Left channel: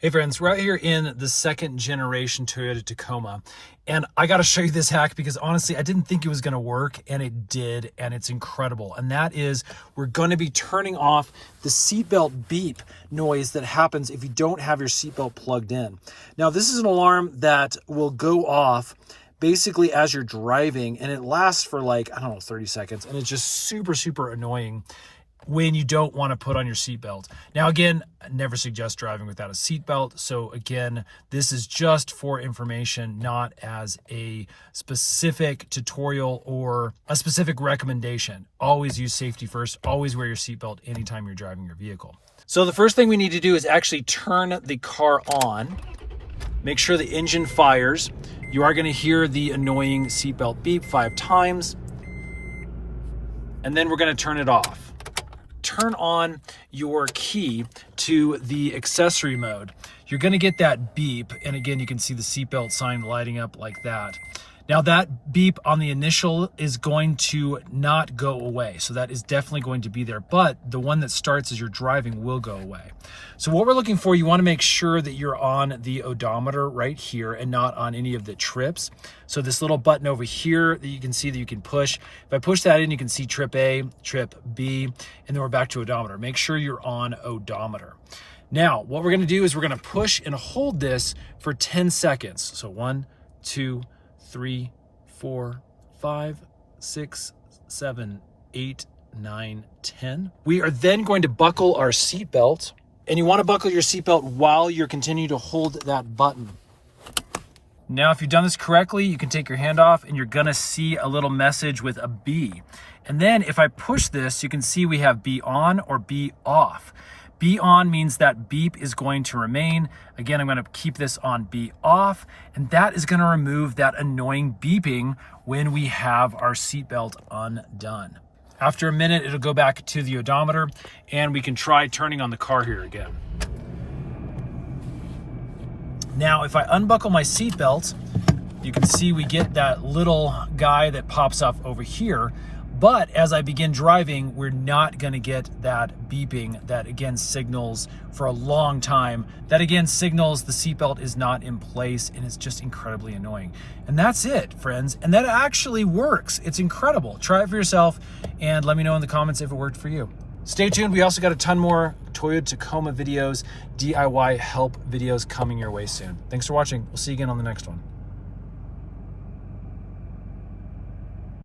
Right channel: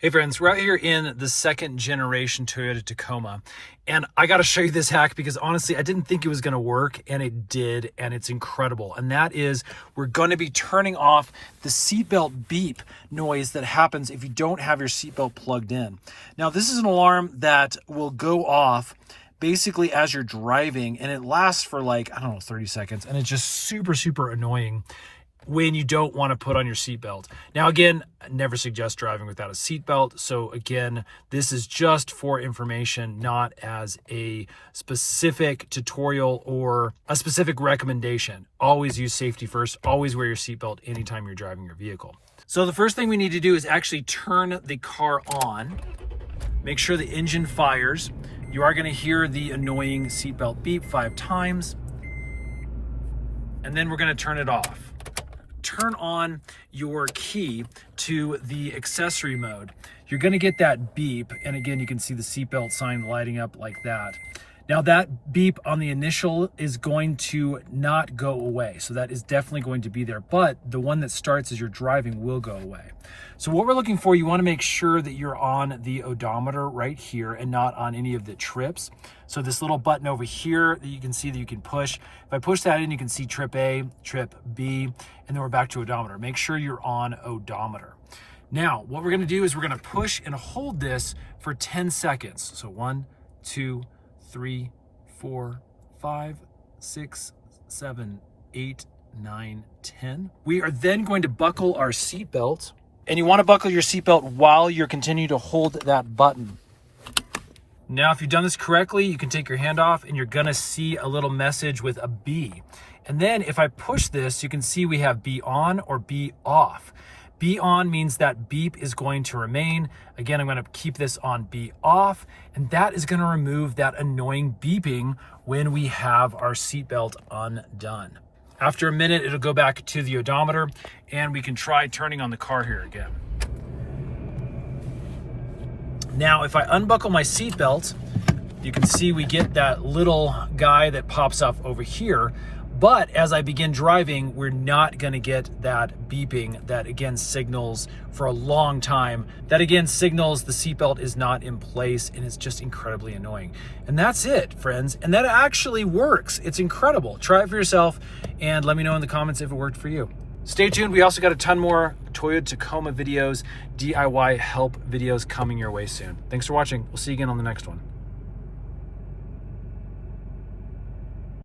Hey friends, we're out here in the second generation Toyota Tacoma, and I gotta show you this hack because honestly, I didn't think it was gonna work, and it did, and it's incredible. And that is, we're gonna be turning off the seatbelt beep noise that happens if you don't have your seatbelt plugged in. Now, this is an alarm that will go off basically as you're driving, and it lasts for like, I don't know, 30 seconds, and it's just super annoying when you don't want to put on your seatbelt. Now, again, I never suggest driving without a seatbelt. So again, this is just for information, not as a specific tutorial or a specific recommendation. Always use safety first. Always wear your seatbelt anytime you're driving your vehicle. So the first thing we need to do is actually turn the car on. Make sure the engine fires. You are going to hear the annoying seatbelt beep 5 times. And then we're going to turn it off. Turn on your key to the accessory mode. You're going to get that beep, and again, you can see the seatbelt sign lighting up like that. Now, that beep on the initial is going to not go away, so that is definitely going to be there, but the one that starts as you're driving will go away. So what we're looking for, you want to make sure that you're on the odometer right here and not on any of the trips. So this little button over here that you can see that you can push. If I push that in, you can see trip A, trip B, and then we're back to odometer. Make sure you're on odometer. Now, what we're going to do is we're going to push and hold this for 10 seconds. So 1, 2, 3, 4, 5, 6, 7, 8, 9, 10. We are then going to buckle our seatbelt, and you want to buckle your seatbelt while you're continuing to hold that button. Now, if you've done this correctly, you can take your hand off and you're gonna see a little message with a B. And then if I push this, you can see we have B on or B off. B on means that beep is going to remain. Again, I'm gonna keep this on B off, and that is gonna remove that annoying beeping when we have our seatbelt undone. After a minute, it'll go back to the odometer, and we can try turning on the car here again. Now, if I unbuckle my seatbelt, you can see we get that little guy that pops up over here. But as I begin driving, we're not gonna get that beeping that again signals for a long time. That again signals the seatbelt is not in place, and it's just incredibly annoying. And that's it, friends. And that actually works. It's incredible. Try it for yourself and let me know in the comments if it worked for you. Stay tuned. We also got a ton more Toyota Tacoma videos, DIY help videos coming your way soon. Thanks for watching. We'll see you again on the next one.